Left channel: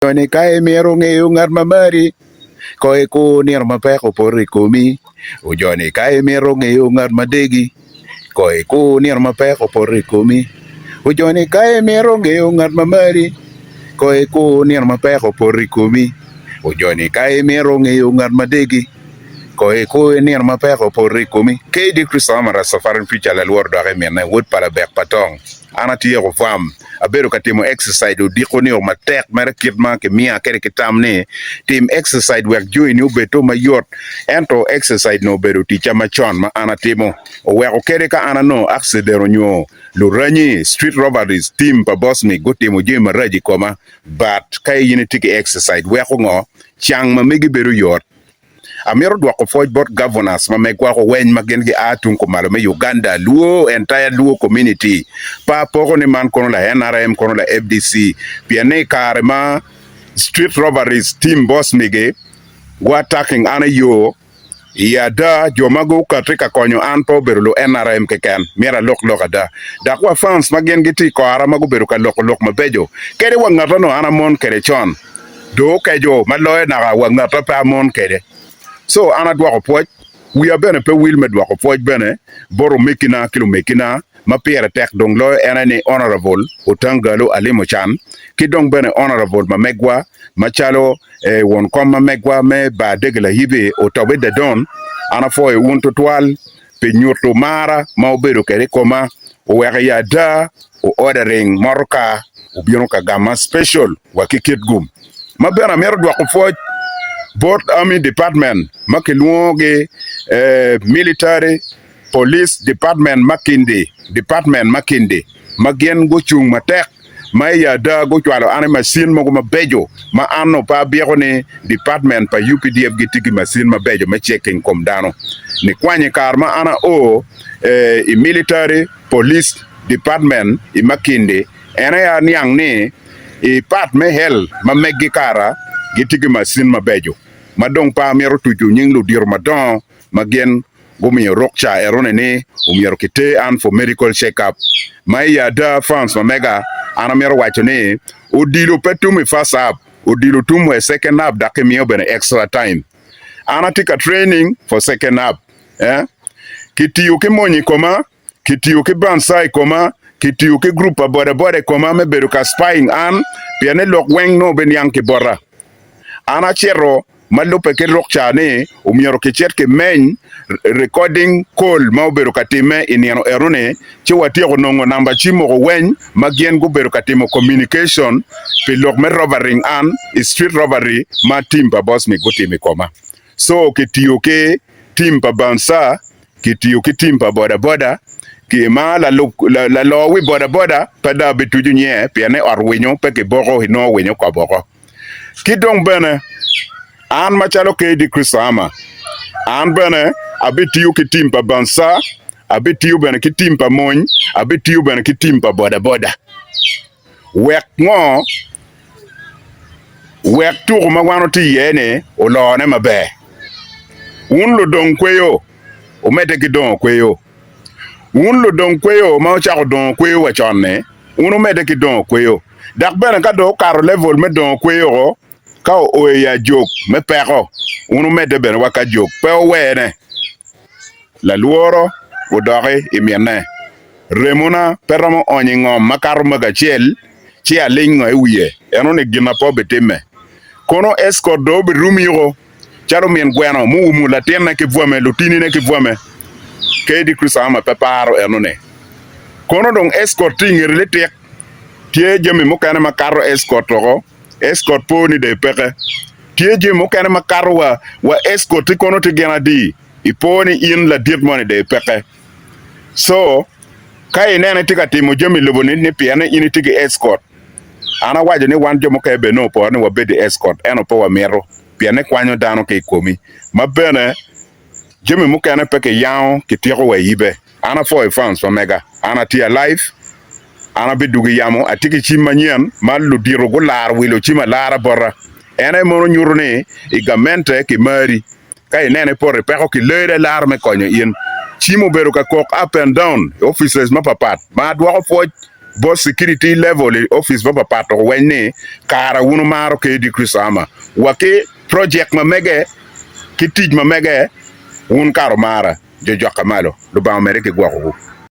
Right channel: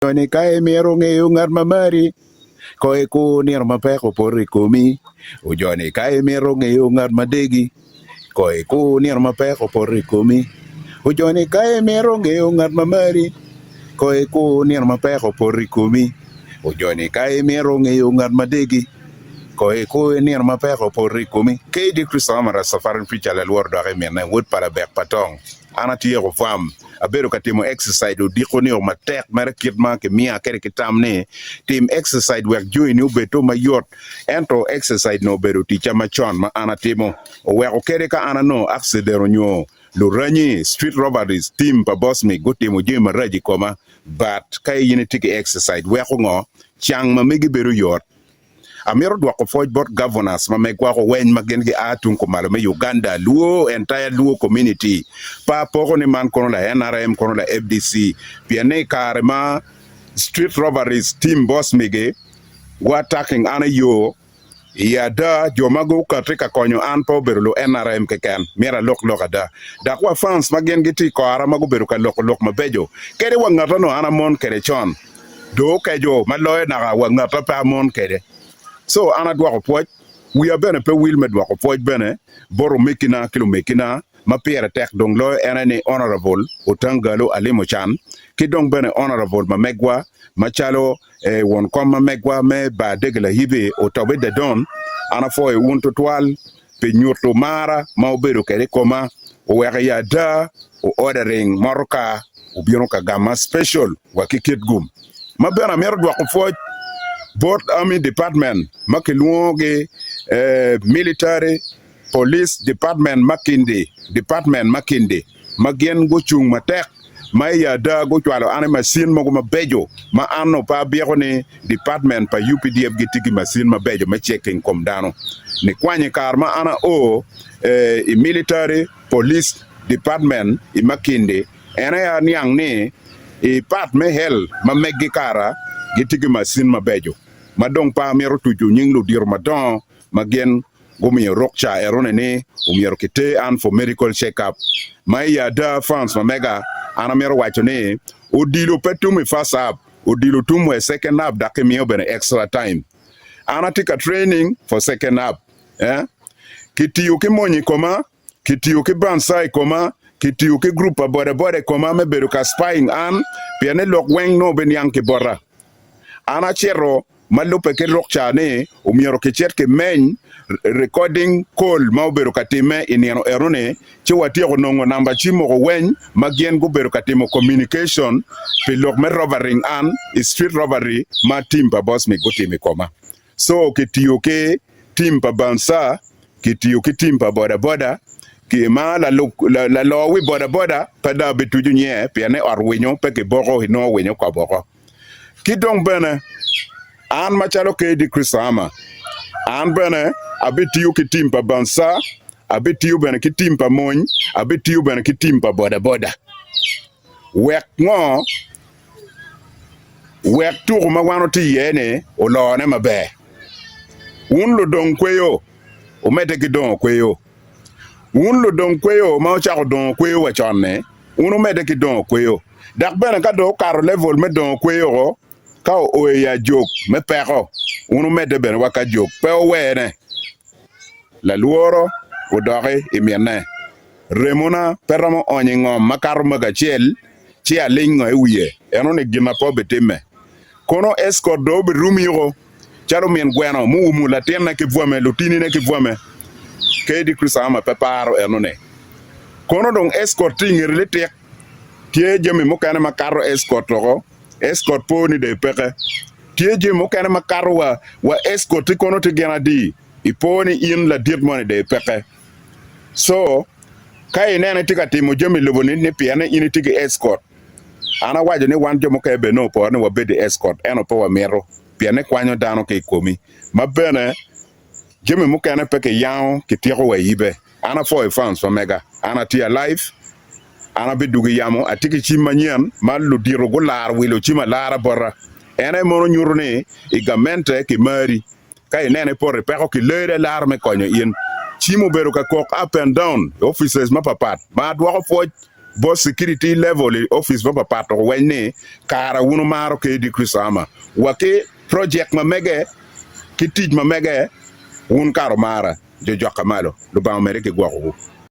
Tony kae miero ng'eyo ng'at mamari koe ku nier mapek opore komi ujoni kae miero ng'eyo ng'at madegi koe ku nier mapek opore komi ujoni kae miero ng'eyo ng'at mamari koe ku nier mapek opore komi ujoni kae miero ng'eyo ng'at madegi koe ku nier mapek opore komi kedi Kristo amara safarin picha la luor dore miene wut pala bek patong ana tiyo fam abedo katimo exercise odiko ni matek mere kit ma ke mia kere kitam ni tim exercise wek join ni obeto mayot ento exercise no bedo ticha machon ma ana timo oweko kere ka ana no accidero nyo luranyi street robberies team pa boss mi gotimo je maraji koma but kay yini tiki exercise weko ngo chang ma migi bedo yot Amiro dwako forge bot governors ma megwa ko weny magen gi atun ko malo me Uganda luo entire luo community pa poko ni man kono la NRM kono la FDC piane kare ma street robberies team boss mige attacking ana yo yada jomago katrika konyo an po berulo NRM keken mira lok ada dakwa fans magen gi ti ko ara mago beru ka lok mabejo kere wangata no ana mon kere chon do kejo maloe na wangata pa mon kere So ana dwako poj we are bene pe will me dwako poj bene boro mekina kilo mekina ma pere tek dong lo enani honorable Otangalo Alimo Chan ki dong bene honorable ma megwa machalo won kom ma megwa me ba degla hibe otobe de don ana fo wonto twal pe nyoto mara ma obedo kere koma o were ya da o ordering maroka o biro ka gama special wa kikit gum ma bene mero dwako poj both army department makiluoge military police department makinde magien go chung matek ma ya da go chwalo ane machine mo mabejo ma anno pa biego ni department pa UPDF gitigi machine mabejo ma checking kom dano ni kwanye karma ana i military police department i makinde ena ya niang ni i pat me hel ma meggi kara gitigi masin mabejo madong pa miero tuju nyinglu dir madon magen gumi rokcha erone ni umiero kite an for medical check up maya da France mega ana miero wacho ni odilo petumi first up odilo tumu second up dake miyo bene extra time ana tika training for second up kitiyo ke monyi koma kitiyo ke bansai koma kitiyo ke grupa bode koma me beru ka spying an piane lok weng no ben yang ke bora ana chero malupe ke rokcha ne umiero ke chet ke men recording call ma oberu katime iniano erone che watio nongo namba chimo go wen magien go beru katimo communication pe lok me robbering an street robbery ma timba boss mi go timi koma so ke tiyo ke timba bansa ke tiyo ke timba boda ki ma la lo wi boda pada betuju nye pe ne orwinyo pe ke boro hino winyo kwa boro ki dong bene an machalo ke di Krisama an bene abitiyu ki timpa bansa abitiyu bene ki timpa mon abitiyu bene ki timpa boda wek ngo wek tur magwano ti yene o lo ne mabe un lo don kweyo o mete ki don kweyo un lo don kweyo ma o chako don kweyo wa chonne un o mete ki don kweyo dak bene ka do karo level me don kweyo ka o ya jok me pero unu me de ben waka jok pe o wene la luoro o dore e miene remona peramo onyingo makaro magachiel chi alingo e wiye eno ne gina po betime kono escort do be rumiro charo mien gweno mu la tena ke vuame lutini ne ke vuame ke di Krisama peparo eno ne kono dong escorting relete tie jemi mo kana makaro escort ro escort poni de peke tieje mo kana makaro wa escort kono te gena di iponi in la dit money de peke so kai nene tika timo jemi loboni ni piane ini tiki escort ana waje ni wan jomo ke be no po ne wa be de escort eno po wa mero piane kwanyo dano ke komi mabene jemi mo kana peke yawo ke tiro wa yibe ana for fans for mega ana tia life ana be dugi yamo atiki chimanyen malu diro go lar wilo chima lara borra ene mono nyurune igamente ki mari kay nene porre peko ki leere lar me konyo yin chimo beru ka kok up and down officers ma papat ma dwako foj bo security level office ba pato wenne kara wunu maro ke di kusama wake project ma mege kitij ma mege wun karo mara jo jokamalo do ba amerike gwa ko